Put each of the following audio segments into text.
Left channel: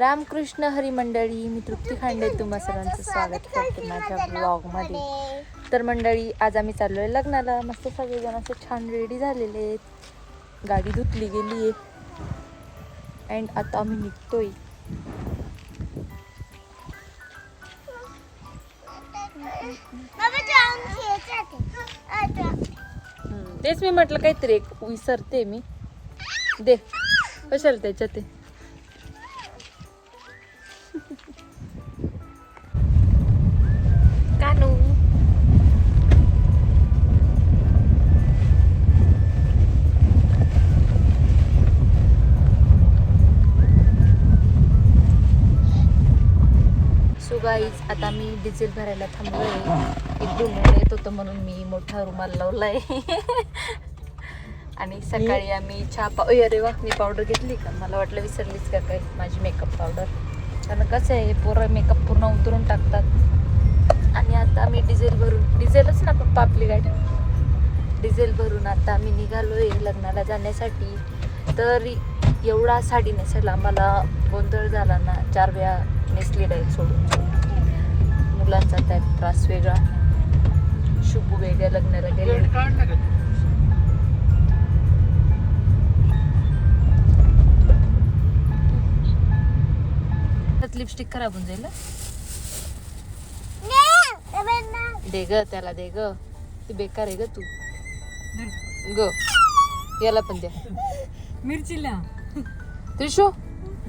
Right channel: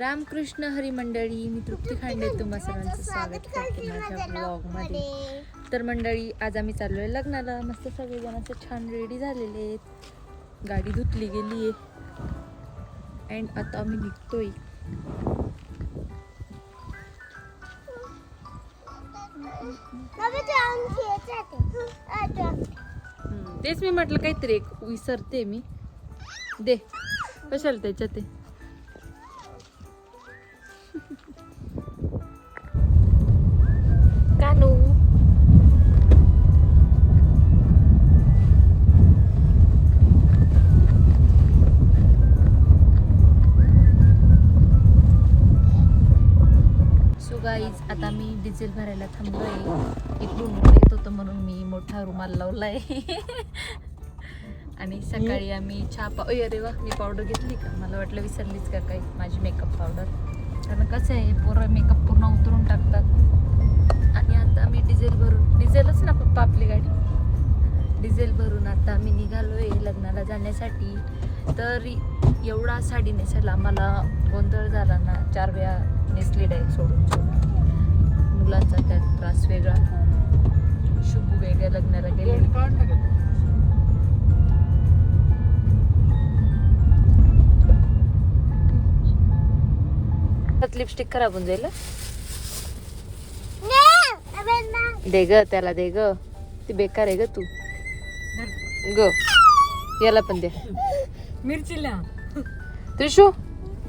रामकृष्ण हरी मंडळी मी तृप्ती खांडे तुम्हा सर्वांचं स्वागत करते माझ्या ब्लॉगमध्ये तर मंडळी आज आम्ही चाललोय लग्नाला. मस्त सगळेजण असे छान रेडी झालेले आहेत. गाडी धुतली गेली आहे. अँड आता आम्ही निघतोय. तेच मी म्हटलं काहीतरी एक विसरते मी. दे कशाला त्याच्यात ते डिझेल भरायला थांबलोय. येत होतं म्हणून मी मोठा रुमाल लावलाय. आणि सकाळी आम्ही चहा पा ओय अरे वा मी पावडर घेतली का? मला वाटलं विसरलीच का काय? माझी मेकअप पावडर कारण कसं आहे पोरं मेकअप पूर्ण उतरून टाकतात. आणि आता आम्ही डिझेल भरून डिझेलच ना पप्पा आपली गाडी. डिझेल भरून आता आम्ही निघालोय लग्नाला जाण्यासाठी. तर एवढा साडी नेसायला आम्हाला गोंधळ झाला ना चार वेळा नेसली सोडून सोडून. मुलांचा त्यात त्रास वेगळा. शुभू वेगळ्या लग्नाला गेले. लिपस्टिक खराब होऊन जाईल? दे ग त्याला दे ग. ती बेकार आहे ग तू. ग याला पण दे. मिरचीला. त्रिशू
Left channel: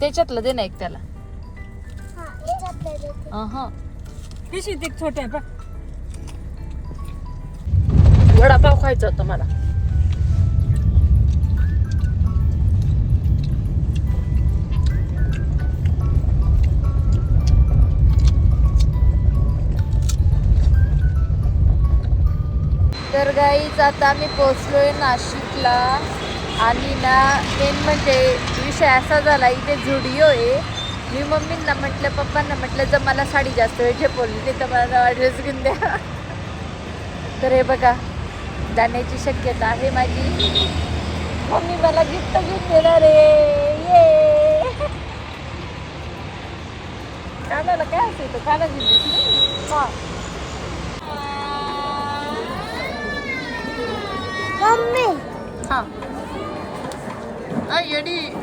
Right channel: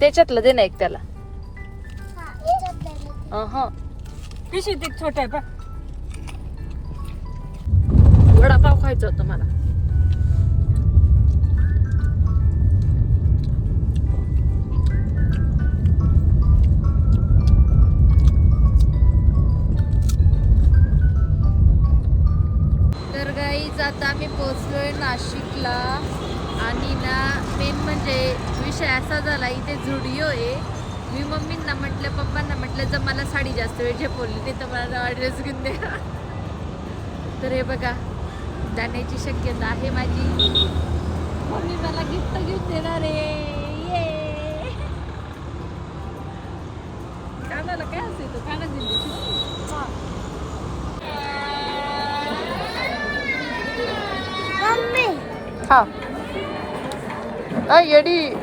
त्याच्यातलं दे ना एक त्याला. छोटा आहे वडापाव खायचा होता मला. तर गाईज आता आम्ही पोचलोय नाशिकला. आणि ना मेन म्हणजे विषय असा झाला इथे झुडिओ आहे. मी मम्मींना म्हटलं पप्पांना म्हटलं जर मला साडी जास्त वेळ झेपवली नाही तर मला ड्रेस घेऊन द्या. तर हे बघा जाण्याची शक्यता आहे माझी. मम्मी मला गिफ्ट घेऊन देणार ये. कानाला काय असेल तर काना घेऊन देशील? हा. हा. येडी.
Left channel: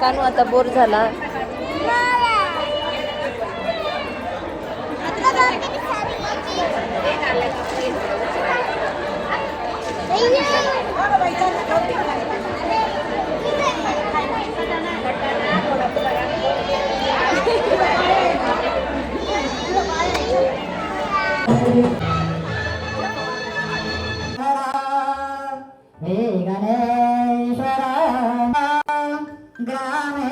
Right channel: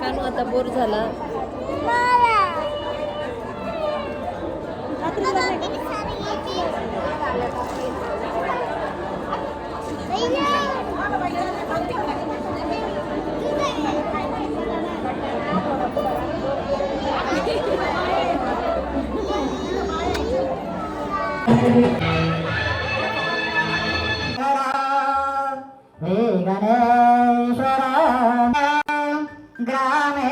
कानू आता बोर झाला? गणेश्वर ग्रामे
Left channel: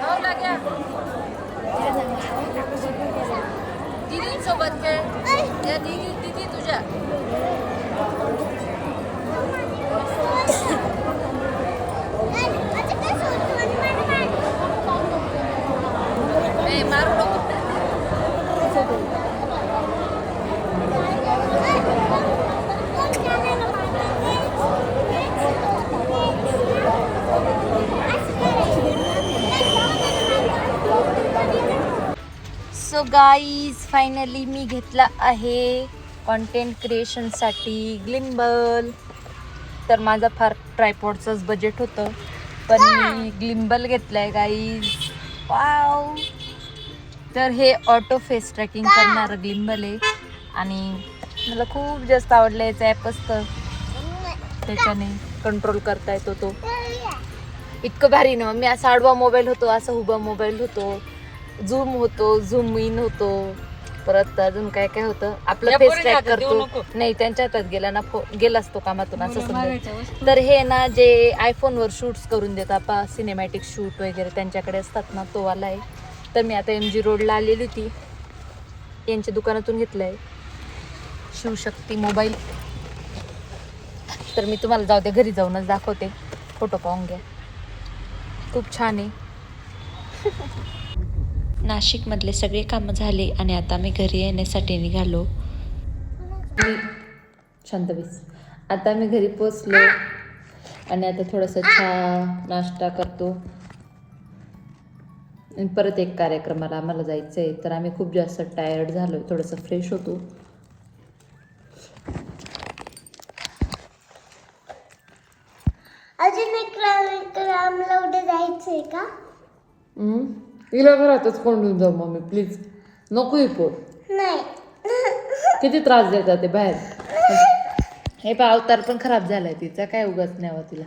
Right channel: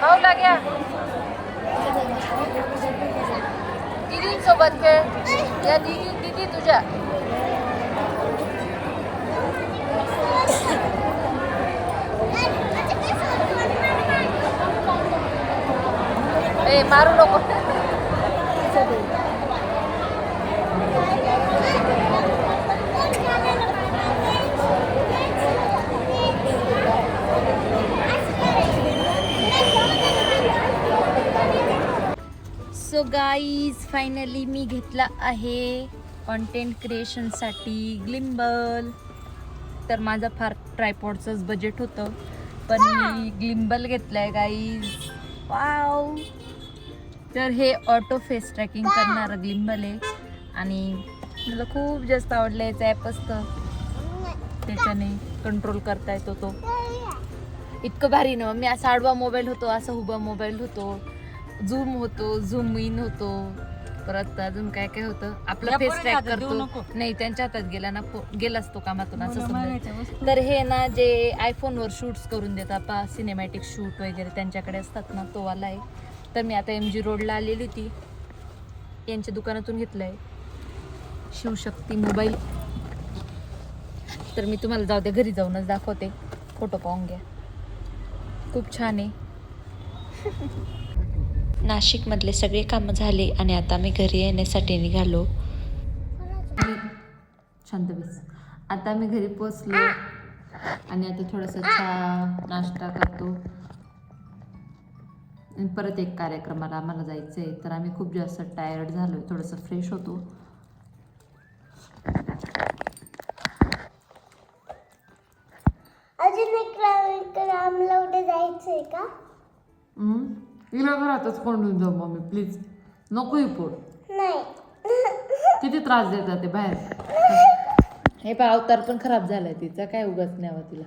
हो का सोबत खेळ या दिदी दिदी तुझ्या मारू नको. सो गाईज फायनली मी घेतला आहे कॉन्टेंट क्रिएशनसाठी ग्लिम्बल तर माझा फार ट्रायपॉडचंच बजेट होतं पण मी ग्लिम्बल घेतलं आहे गाईज वा तर हे ऑटो फेस ट्रॅकिंग करणारं ग्लिम्बल आहे आणि मला खूप जास्त आवडलं याचं ॲप असतं. त्याच्याने कंट्रोल करता येतो तो. इतकं भारी ना. मी असा आडवा मोबाईल होतो असा उभा मोबाईल होतो. झूम होतो झूम इन होतो. परत अजून काय काय होतं? आपला फेस ट्रॅक करतो. नाही त्यांच्या हातात गेला ना फो- गेलाच तो कामातून असं समजा. तर हे ना जे आयफोनवर शूट्स करून देतात सिनेमॅटिक शूट वगैरे त्यांच्याकडे असतात ना तो वाला आहे. तर मी आता एम जी रोडला आलेली होती. यांच्या दुकानातून घेतलं आहे शिवशक्ती मोबाईल. तर मी तुम्हाला जाऊ दे घरी जाऊनच दाखवते. फोटो पाहून घ्या. खूप छान आहे. नाशिकमधले सगळे कामं झाले आणि आता मी घरी येण्यासाठी निघालो. मी शांत बस आता मी घरी पोचलो आणि आता थोडंसं चहा नाश्ता करतो. परत एक कार्यक्रमाला आम्हाला जायचं आहे तर आम्ही खूप जास्त टायर्ड झालो थोडंसं फ्रेश होतो. तिला घरातच कोंडून जाऊ मम्मी प्लीज नको नाही. किती त्रास देतात ते बाहेर. हे पा अवतार पण खराब झालाय तिचा. काय उगाच नाही तिला.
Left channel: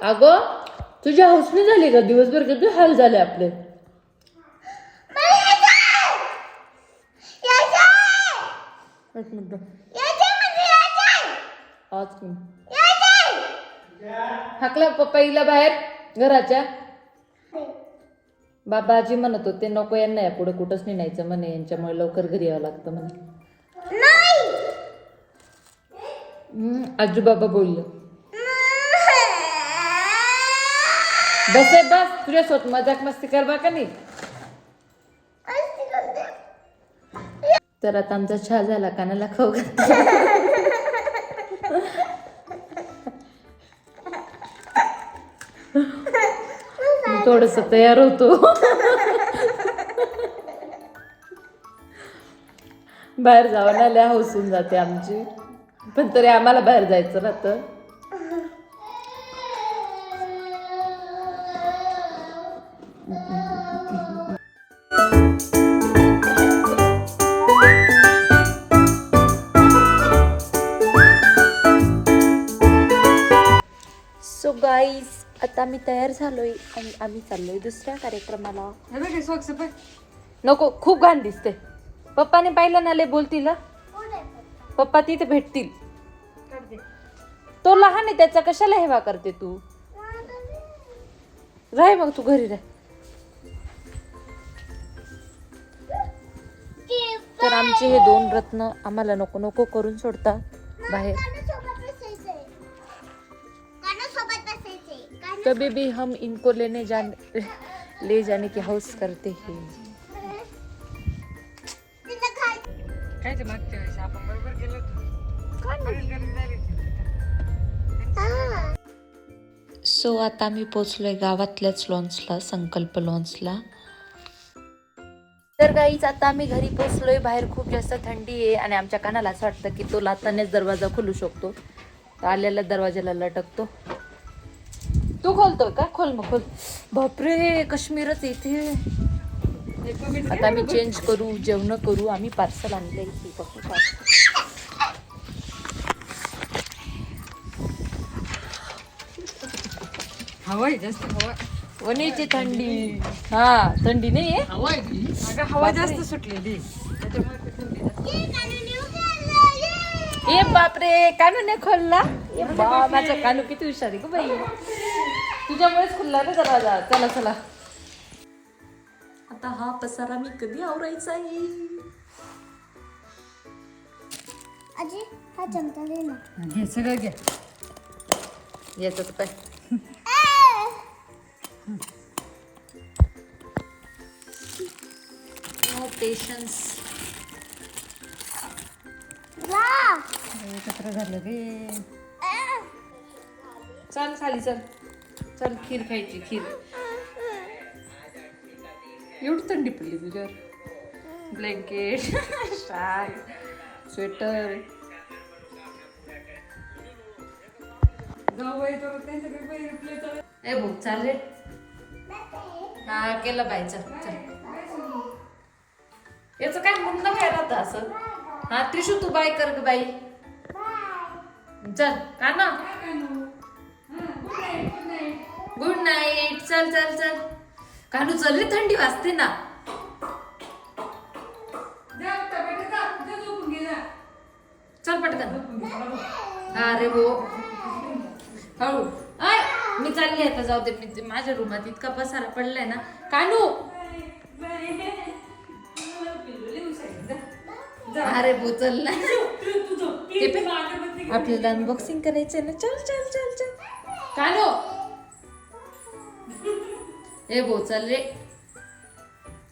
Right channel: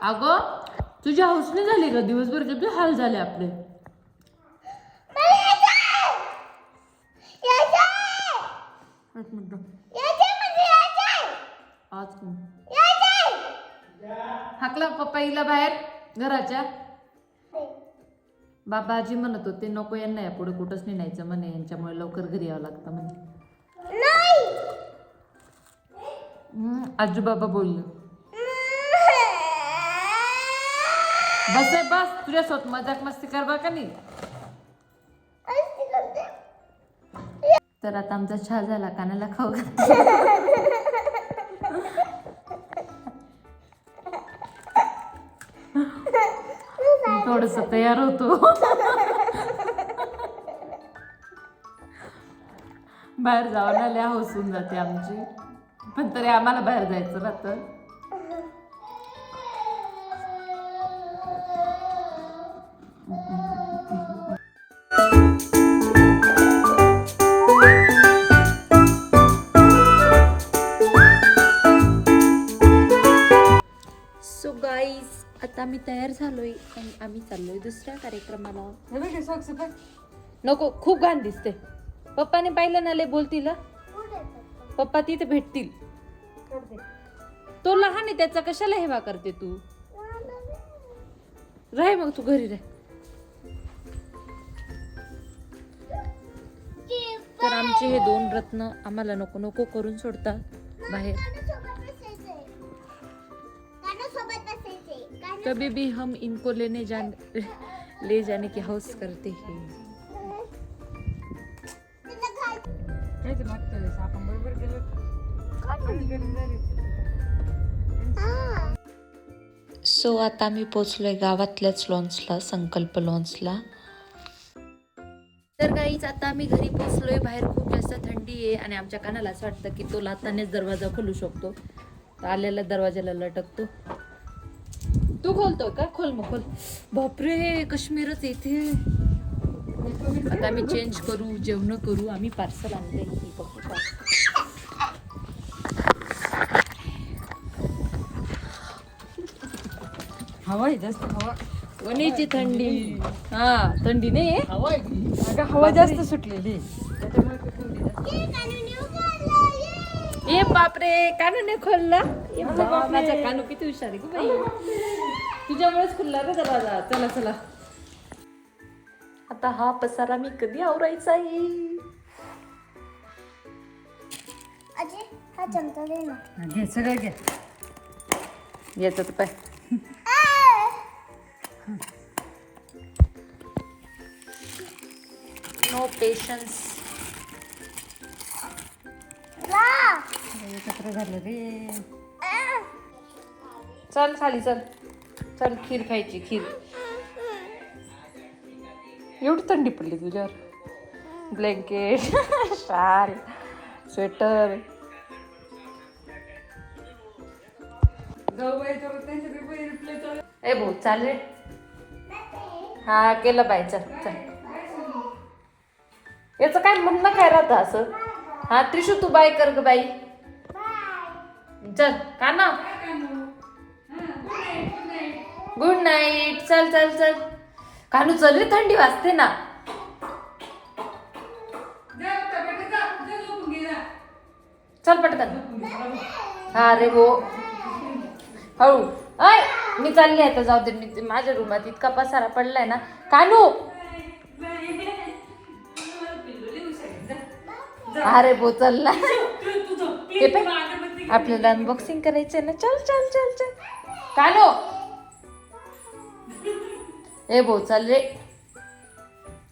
अगं? तुझी हौसली झाली का? दिवसभर किती हाल झाले आपले? एक मिनिट. हाकला पप्पाईला बाहेर घराच्या. बाबाजी म्हणत होते नको यांना या पुढे कुठंच नाही न्यायचं म्हणे यांच्यामुळे लवकर घरी यावं लागतं म्हणे. हम्म, आजू बाबा बोललं. बस आहे बस. तुझ्यासोबत मजाक मस्ती कर बा का नाही? तर आता आमचा चहा झाला कानाला खाऊ घात थोडस तयार होतो. बाहेर जावं आल्या हौसून जाते आमची. पण तरी आम्हाला बाहेर जायचं राहतं. सो गाईज आता मी तयार झालोय आणि आम्ही चाललोय दुसऱ्या कार्यक्रमाला. नको खूप घाण दिसते पप्पाने पाहिलं ना लय बोलतील हा? पप्पा तिथे भेटतील. तो लहान आहे त्याचा कशाला हेवा करते तू? राह मग तू घरी राह. तर आमचे हे दोन रत्न आम्हाला नको नको करून सोडतात बाहेर. कभी भी हम इनको लेने जाने ले जाने की हौस करते हैं. सो आता मी पोचलोय गावातल्याच लॉन्सला संकल्प लॉन्सला काहीच आता आम्ही घरी पोचलोय बाहेर खूप जास्त थंडी आहे आणि आमच्या कानाला असं वाटतं की तो लातानेच दरवाजा खोलू शकतो. तो आलेल्या दरवाजाला लटकतो. तू खोलतो का? खोल मग खोल. बापरे काश्मीरच इथे. कमीच आता आम्ही चेंज करू जेवण करू आम्ही पार्सल आणले हवा आहे जास्त हवा. वणीची थंडी. हा थंडी नाही हवा जास्त सुटलेली. ए बापरे कानू नाही खोलला. माझा कानू किती हुशार आहे बाई. तुझ्यामुळेच खुलला ना दरवाजा. चला चला. आता हा पसारा मी कधी आवरायचा आहे? घे सगळं घे. येतो पाय. नो पेशन्स एकत्र झालं रे. चल खाली चल. चल खीर खायची खीर. एवढी थंडी पडली तुझ्यावर. ब्लँकेट शाल स्वेटर. ए भाऊ चाल रे हा केलं पाहिजे चल चल. याचं काय म्हणणं काय राहतं असं? हा त्रिशू तू बाय कर ग बाई. चल का ना? गुड नाईट चल चल चल. कानू चल रे थंडी वाजते ना. चल पटकन. हा रे हो. हळू. आय मी चालली आहे आता जाऊ दे मी माझ्या रूमात इतका पसारा पडलाय ना. कानू! अरे भो चल ना ते पण आपल्याला अनबॉक्सिंग करायचंय ना. चल चल चल चल. कानो! ए भाऊ चल रे.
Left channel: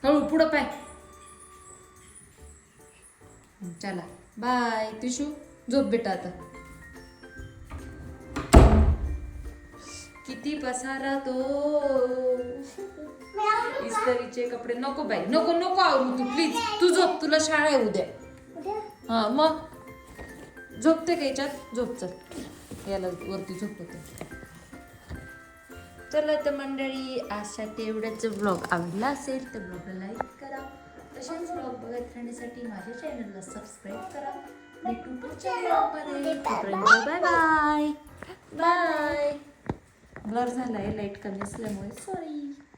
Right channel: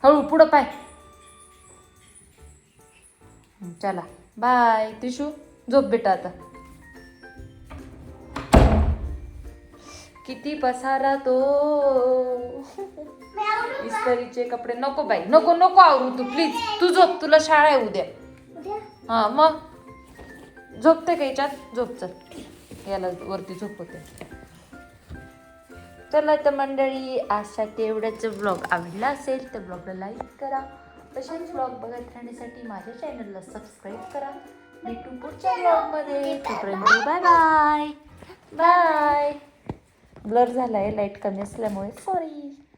हळू पुढं पाय. चला. बाय तिशू झोप बेटा आता. किती पसारा तो. इस्त्रीचे कपडे. नको बाई नको नको आवरू तू प्लीज तू झोप तुला शाळा आहे उद्या. हा मग? झोपते का याच्यात झोप चल. याला वरती झोपवते. चला तर मंडळी आजसाठी एवढ्याच ब्लॉग आवडला असेल तर ब्लॉगला लाईक करा. तसेच ब्लॉग बघत राहण्यासाठी माझ्या चॅनलला सबस्क्राईब करा. भेटू पुढच्या ब्लॉगमध्ये बाय बाय बाय ब्लर झाला आहे लाइट कमी असल्यामुळे. सॉरी